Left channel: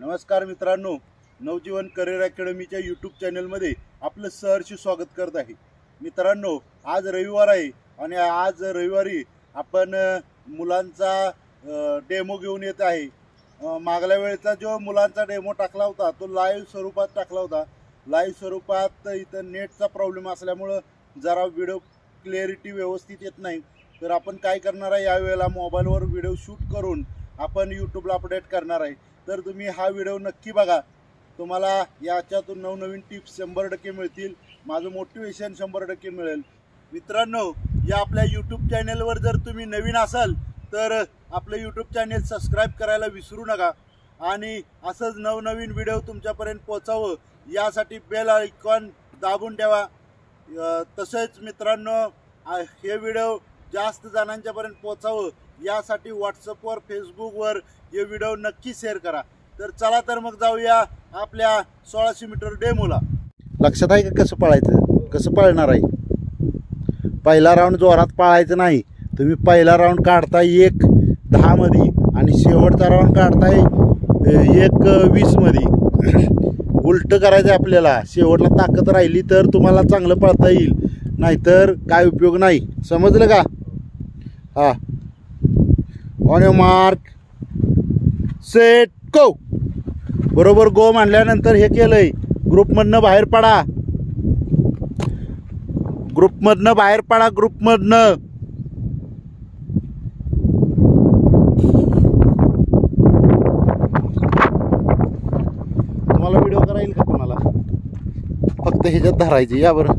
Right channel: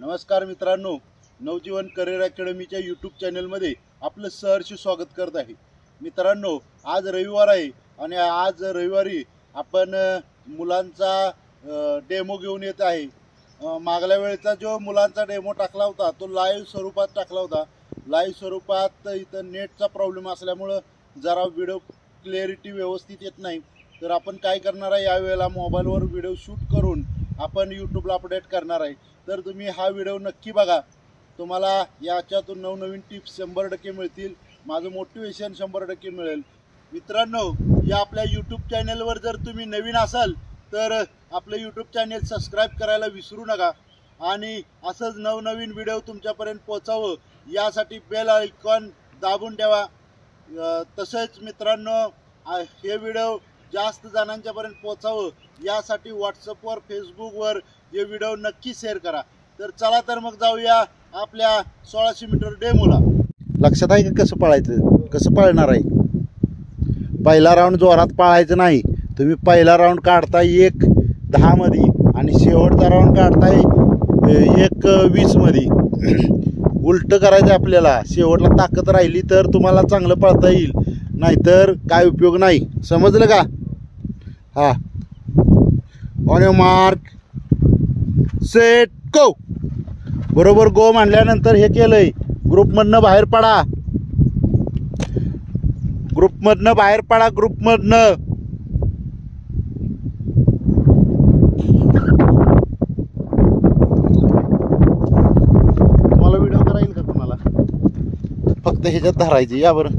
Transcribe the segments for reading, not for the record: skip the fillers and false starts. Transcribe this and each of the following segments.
नमस्कार मित्रांनो, नवजीवन career अकॅडमीच्या YouTube चॅनलमध्ये आपलं सहर्ष स्वागत करत आहे। मित्रांनो, आज रविवार आहे आणि आज रविवारी आपण मुलांचा डेमो घेऊन येत आहे। मागल्या वेळेचा जो मुलांचा डेमो टाकला होता तो लाईव्ह स्वरूपात टाकला होता। लाईव्ह स्वरूपात इथं नेटचा प्रॉब्लेम असल्यामुळे जरा व्हिडिओ क्लॅरिटी व्यवस्थित येत नाही। तर आपण काय करणार आहे, यावेळेला मोबाईलवर व्हिडिओ शूट करून आपण यूट्यूबला अपडेट करणार आहे। तर तुम्ही हा व्हिडिओ नक्की बघा, तुम्हाला याच्यातून नवनवीन टिप्स 100% मिळतील, माझं मोटिवेशन 100% मिळेल। मित्रांनो, या आपल्या यूट्यूब चॅनलवर जर तुम्ही नवीन असाल तर आपलं यूट्यूब चॅनल सबस्क्राईब करायला विसरू नका आणि असंच नवनवीन व्हिडिओ तुमच्यापर्यंत पोहोचावं यासाठी बेल आयकॉन दाबून ठेवा। तसेच मित्रांनो, हे व्हिडिओ जास्त जणांच्यापर्यंत पोहोचावं यासाठी व्हॉट्सअपवर फेसबुकवर हे व्हिडिओ नक्की शेअर करा। तर चला तर मग जाऊया आपल्या 1600 मीटर डेमोला। लक्षात आहे का कसं पळायचं, कसं पळणार आहे? पहिला राऊंड जोरात पळायचं नाही, तुम्ही पहिला राऊंड काढताय 1:10 मध्ये आणि शेवटचा राऊंड काढताय 1:20 मध्ये। उलट करायचं आपल्याला, शेवटला ताकद राहिली तर तुम्हाला चांगलं पळता येईल, नाहीतर काय उपयोग नाही। समजलं का? हा, on your mark set go. बरोबर गो म्हणल्यानंतर हे केलंय, ग्रुपमधनं बाहेर पडा, ग्रुपमधनं बाहेर पडा, ग्रुपमधनं। तुम्हाला व्हिडिओ करा येईल का कोणाला? फक्त ह्याच्यात धरायची, या बरं।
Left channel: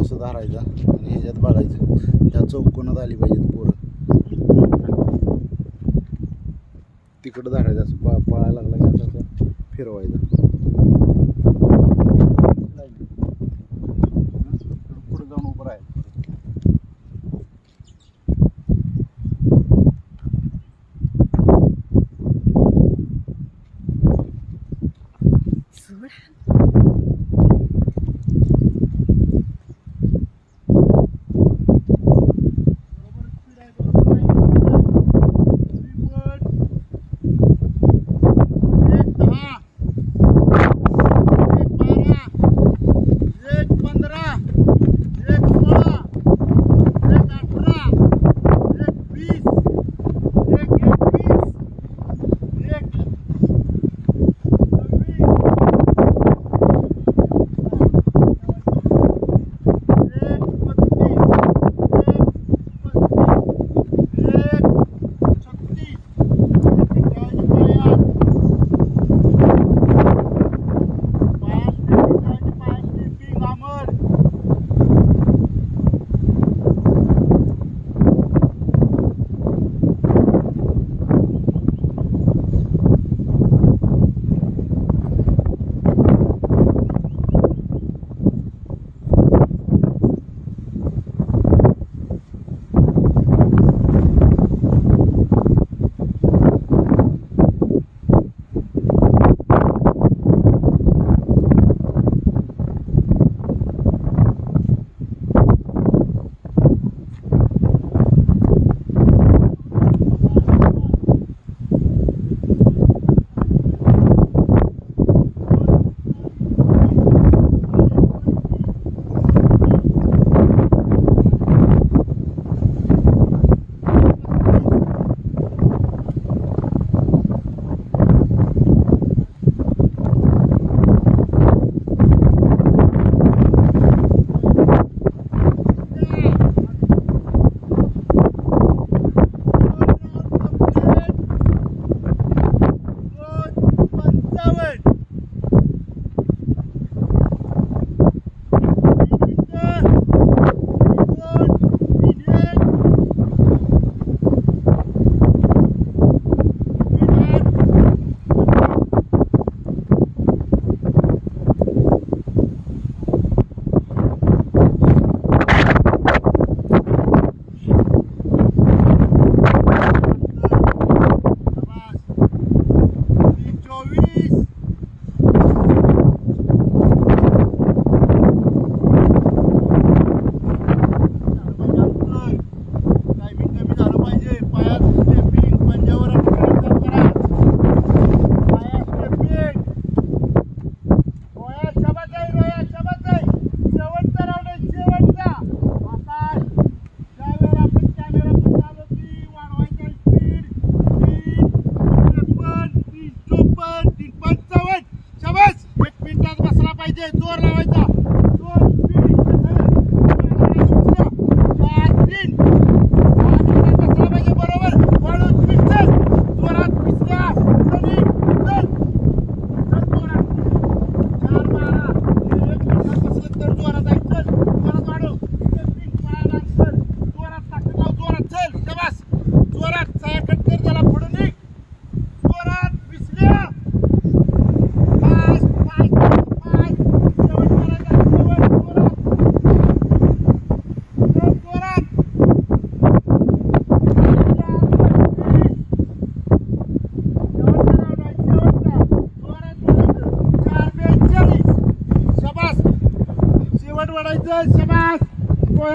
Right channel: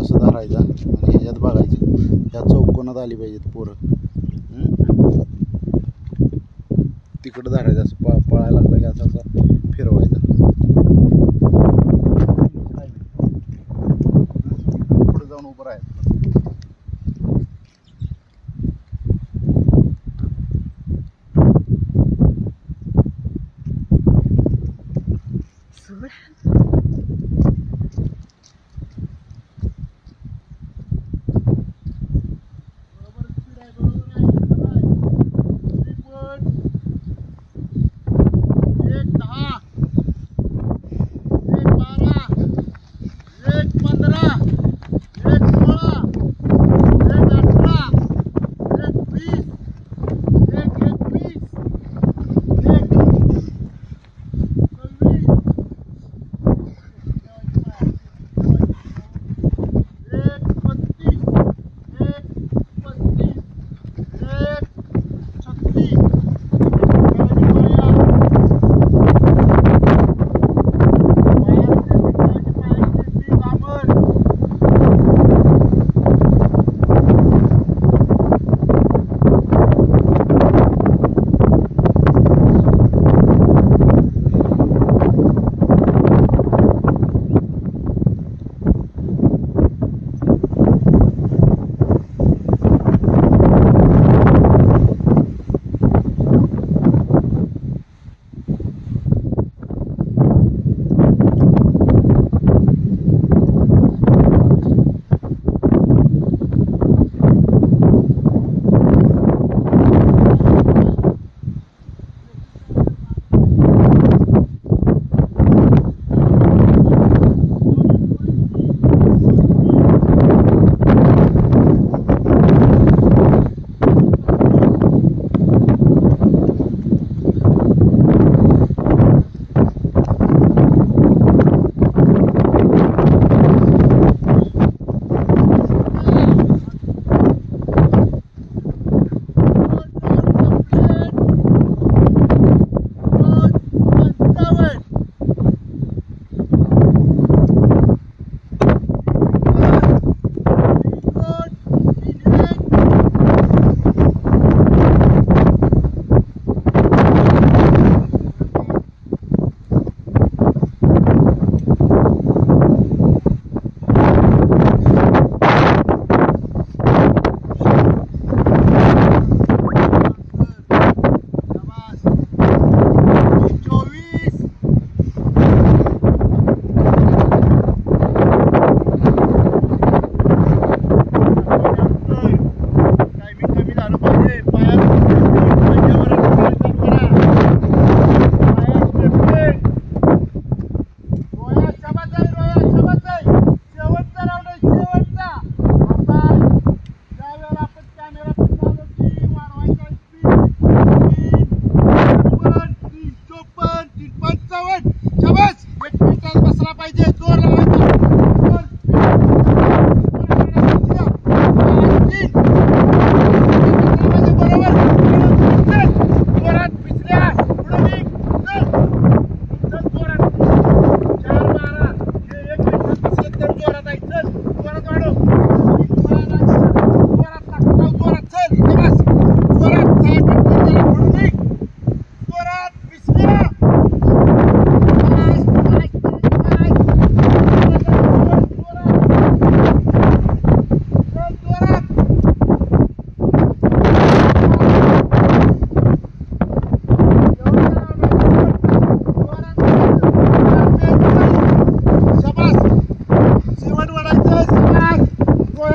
असं धरायचा आणि ह्याच्यात बघायचं, त्या चौकोनात आली पाहिजेत पोरं। तिकडं धरायचं, असं पळायला लागला की असं फिरवायचं, पुढे जाऊन उभं राहायचं।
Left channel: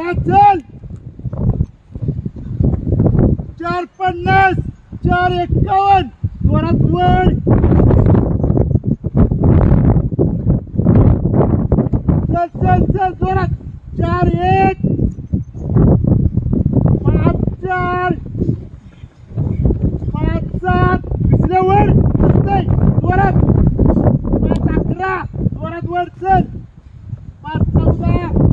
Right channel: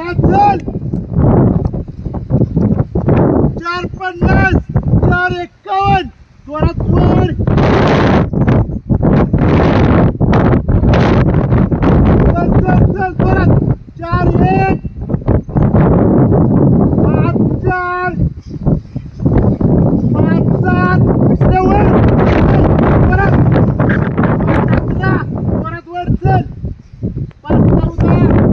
चल 450 451 जोरात वर चल चल चल जोरात 41 5 4 5 7 वर जोरात 5 11 जोरात वर चल 5 14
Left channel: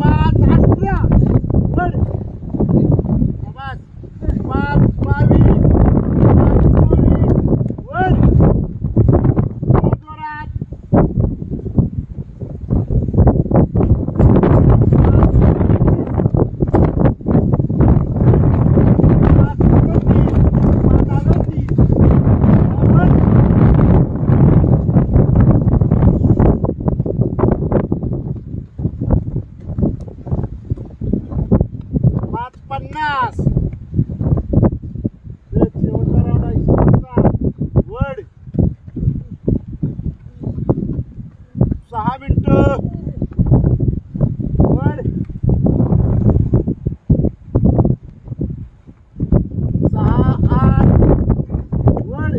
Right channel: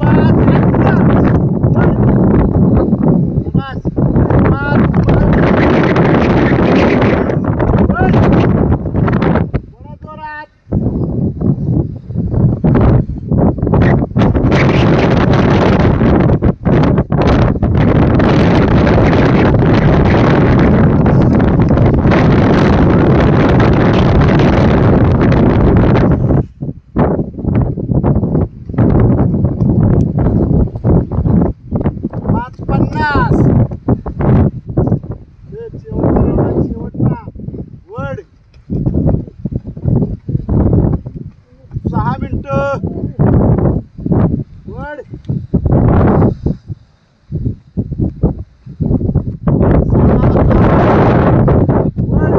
5 11 वर बस 5 5 वर जोरात वड 6 मिनिटं वड 6 8 वड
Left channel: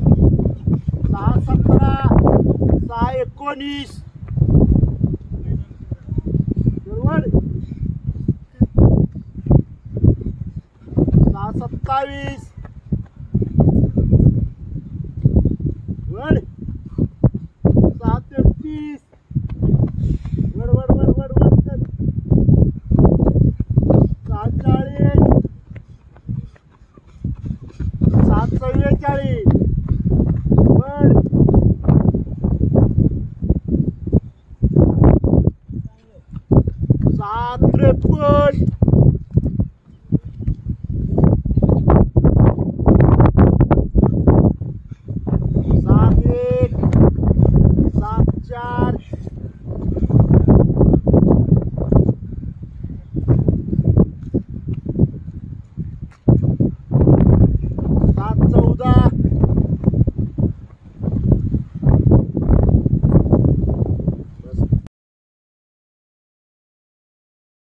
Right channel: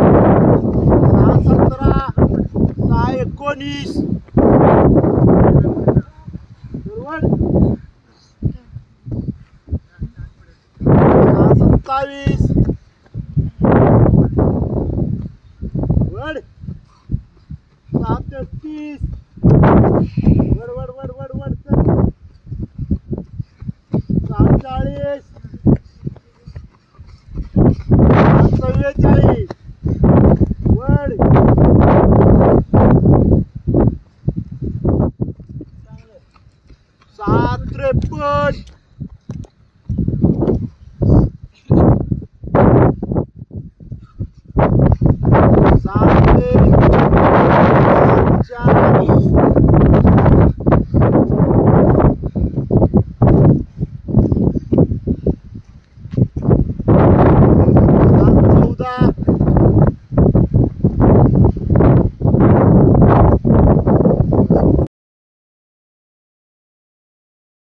6 17 6 19 वड 27 वड 33 वड वड वड वड वड 47 44